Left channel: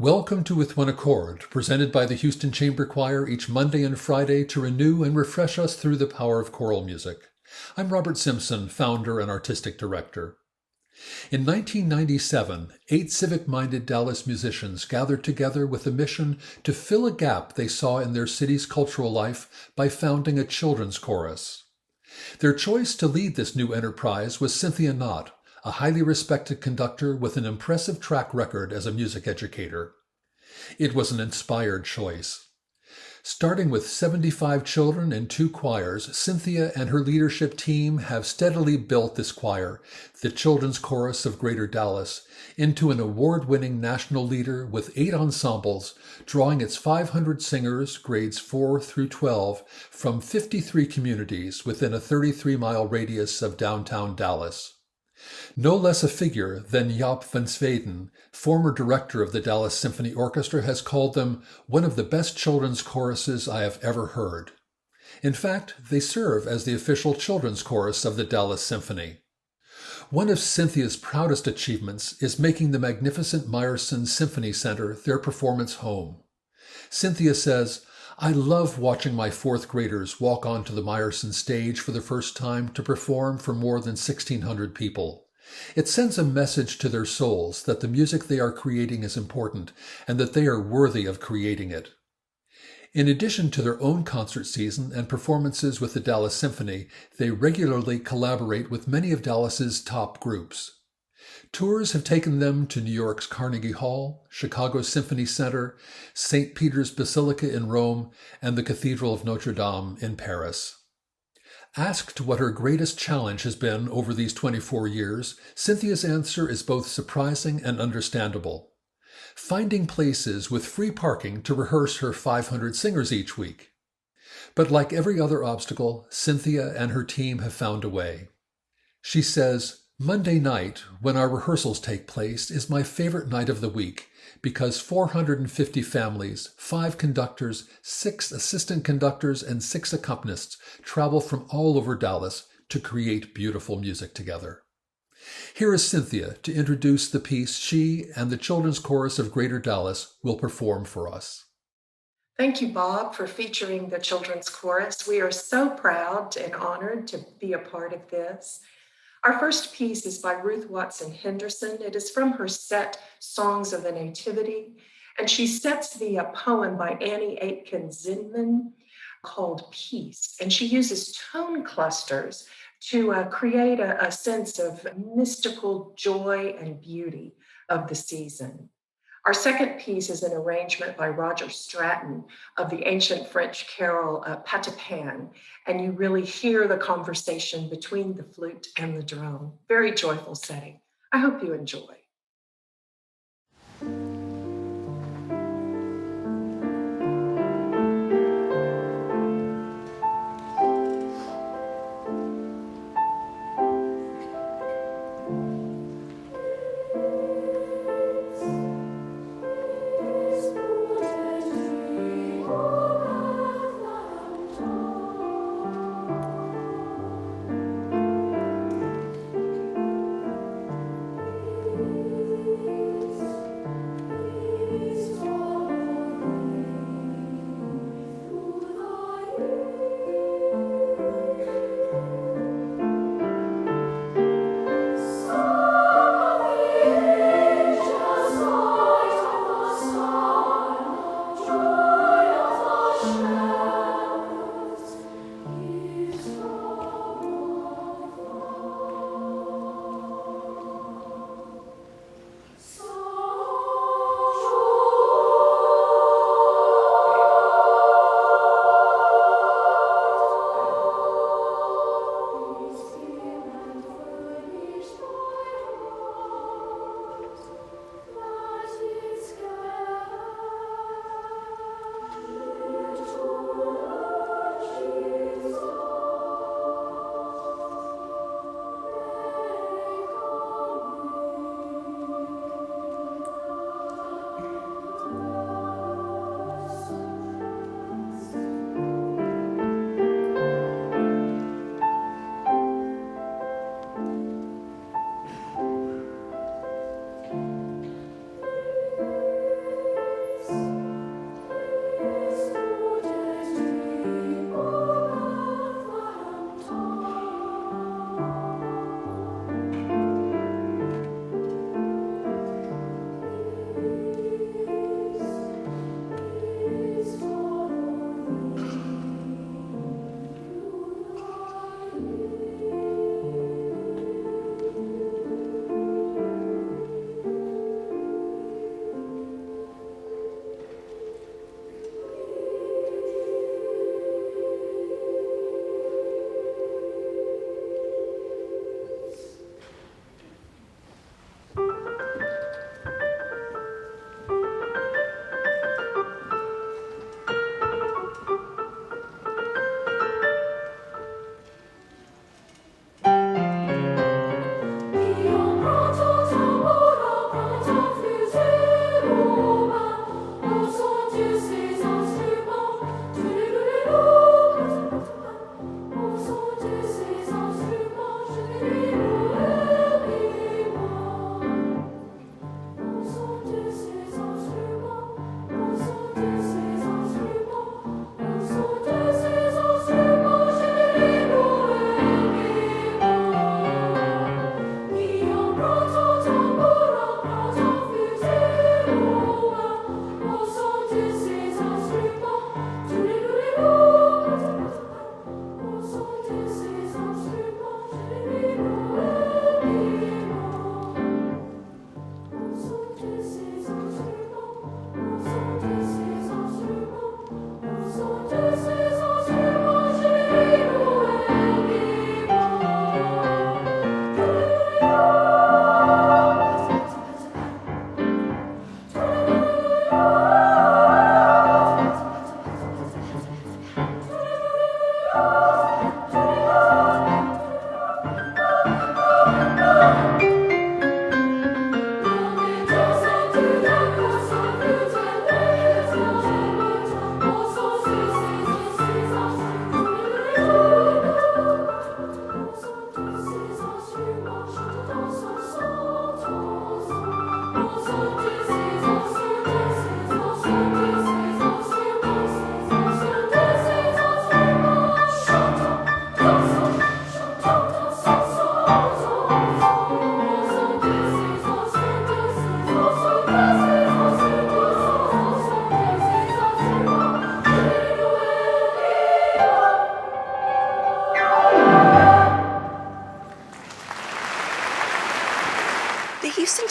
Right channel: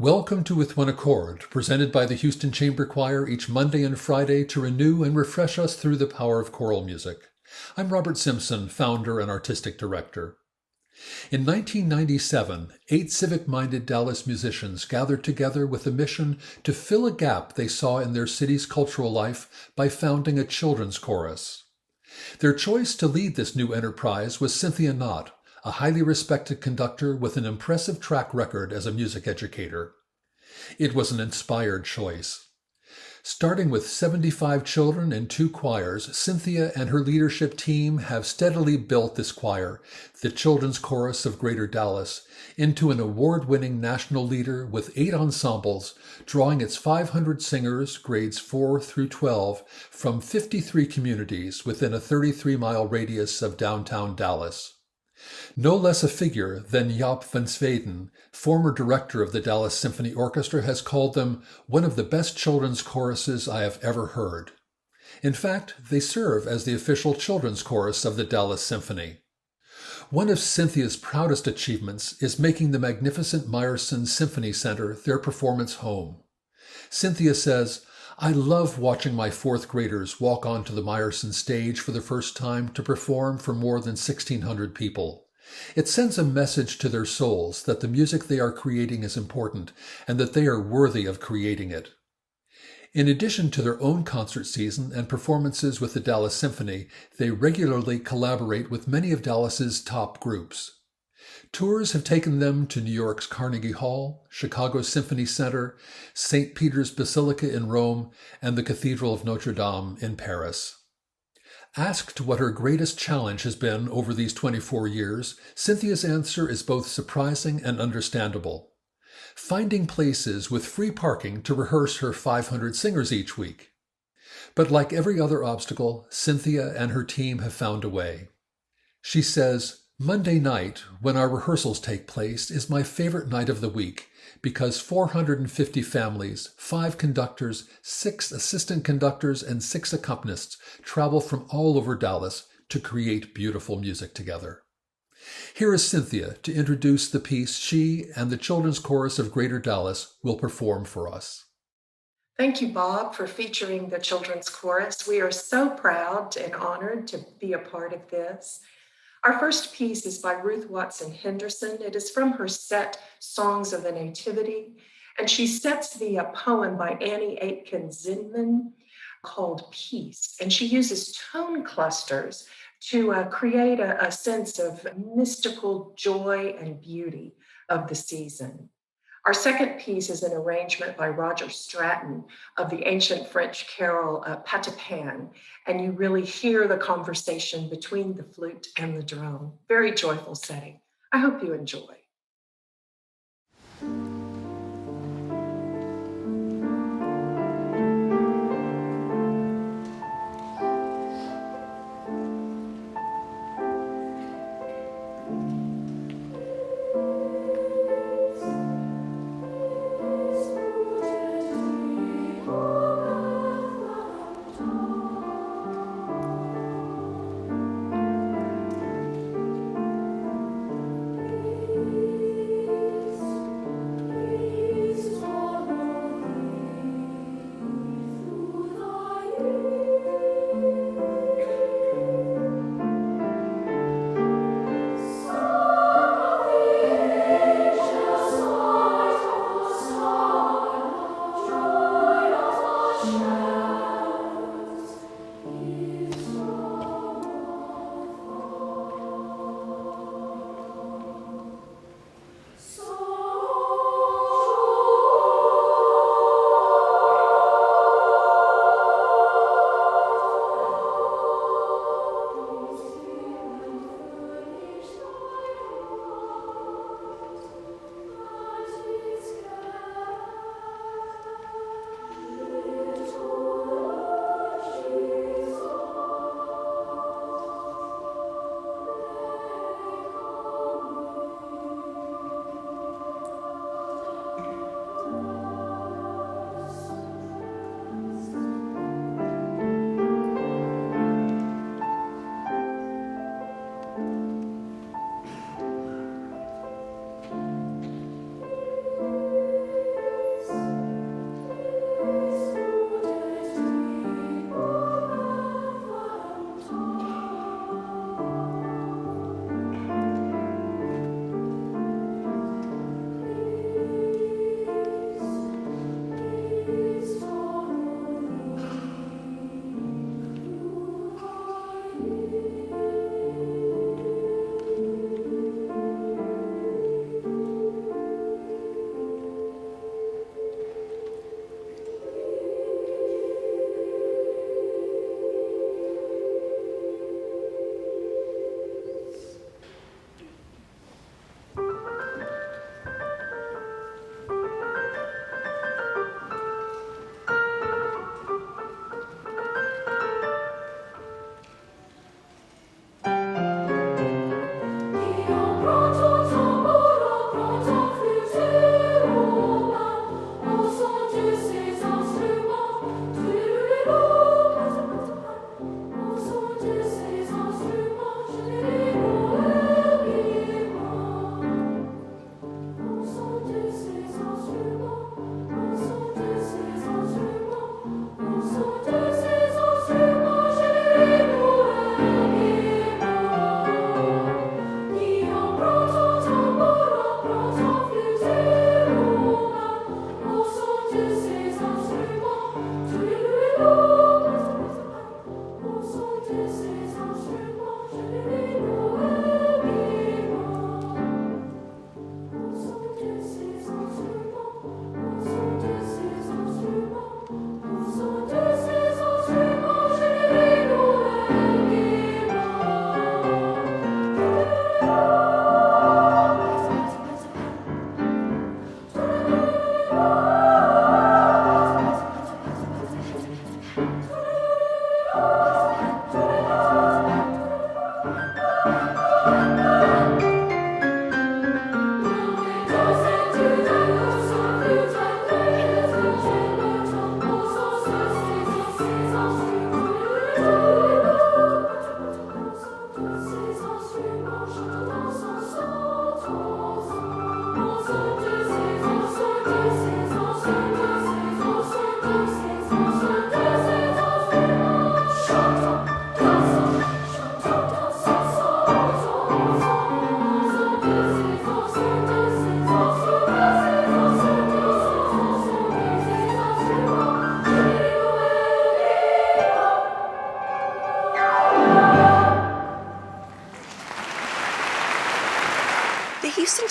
Welcome to With One Accord, presented by the Houston Chamber Choir each Monday and Friday to renew and refresh us through the power of choral music. I'm Robert Simpson, founder and artistic director. In 1997, 8 civic-minded Dallas musicians gathered together with a mission to fill a gap they saw in their city's cultural life by founding a children's chorus. Their choice to lead this new enterprise was Cynthia Nott, a highly respected conductor with an impressive track record as a music educator. It was an inspired choice. Starting with 75 children and 2 choirs, Cynthia and her leadership team have steadily built this choir, the Children's Chorus of Greater Dallas, into an award-winning national leader with 8 ensembles, drawing its 500 singers, grades 4 through 12, from 53 communities within a 33-mile radius of downtown Dallas. No less a figure than Jaap van Zweden, former director of the Dallas Symphony Orchestra, has called them one of the best children's choruses I have ever heard. In fact, they serve as the official children's chorus of the Dallas Symphony. One of Cynthia's proudest achievements is making the magnificent Meyerson Symphony Center their performance home. Cynthia says, "I love watching my 4th graders walk onto the Meyerson stage for the first time to perform for more than 1,600 people. It sends a message to their souls that the music they are creating is important and that they are worthy of creating it." In addition to their own concert season and performances with the Dallas Symphony, they regularly collaborate with many of Dallas's top groups. Tours have taken them to New York's Carnegie Hall, Chicago's Symphony Center, St. Peter's Basilica in Rome, and the Cathedral of Notre Dame in Paris. Asked what her greatest challenge has been over these 24 years, Cynthia's answer is both surprising and understandable: finding places with free parking to rehearse her 500 singers each week. But like every other obstacle, Cynthia and her team have found a way. She says, "Monday night, when our rehearsals take place, is my favorite night of the week because 450 families, 5 conductors, 6 assistant conductors, and 6 accompanists travel from all over Dallas to create beautiful music together." Here is Cynthia to introduce the piece she and the Children's Chorus of Greater Dallas will perform for us. Thank you, Bob, for featuring the Children's Chorus. We are so proud and honored to be a part of this. Our first piece is by Ruth Watson Henderson. It is from her set Songs of the Nativity, and she sets the poem by Annie Aitken Zinman called Peace, and she uses tone clusters to create a sense of mystical joy and beauty of the season. Our second piece is an arrangement by Roger Stratton of the ancient French carol Patapon, and you really hear the conversation between the flute and the drum. Very joyful setting. I hope you enjoy.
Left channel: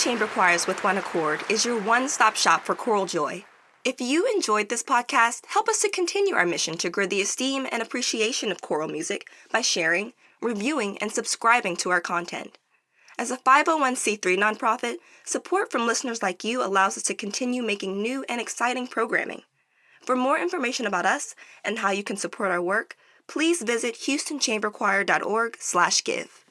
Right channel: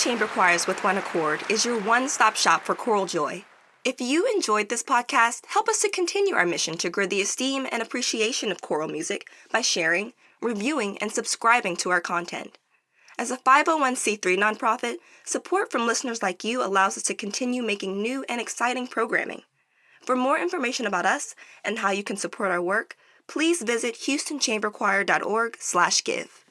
Chamber Choirs with One Accord is your one-stop shop for choral joy. If you enjoyed this podcast, help us to continue our mission to grow the esteem and appreciation of choral music by sharing, reviewing, and subscribing to our content. As a 501c3 nonprofit, support from listeners like you allows us to continue making new and exciting programming. For more information about us and how you can support our work, please visit houstonchamberchoir.org/give.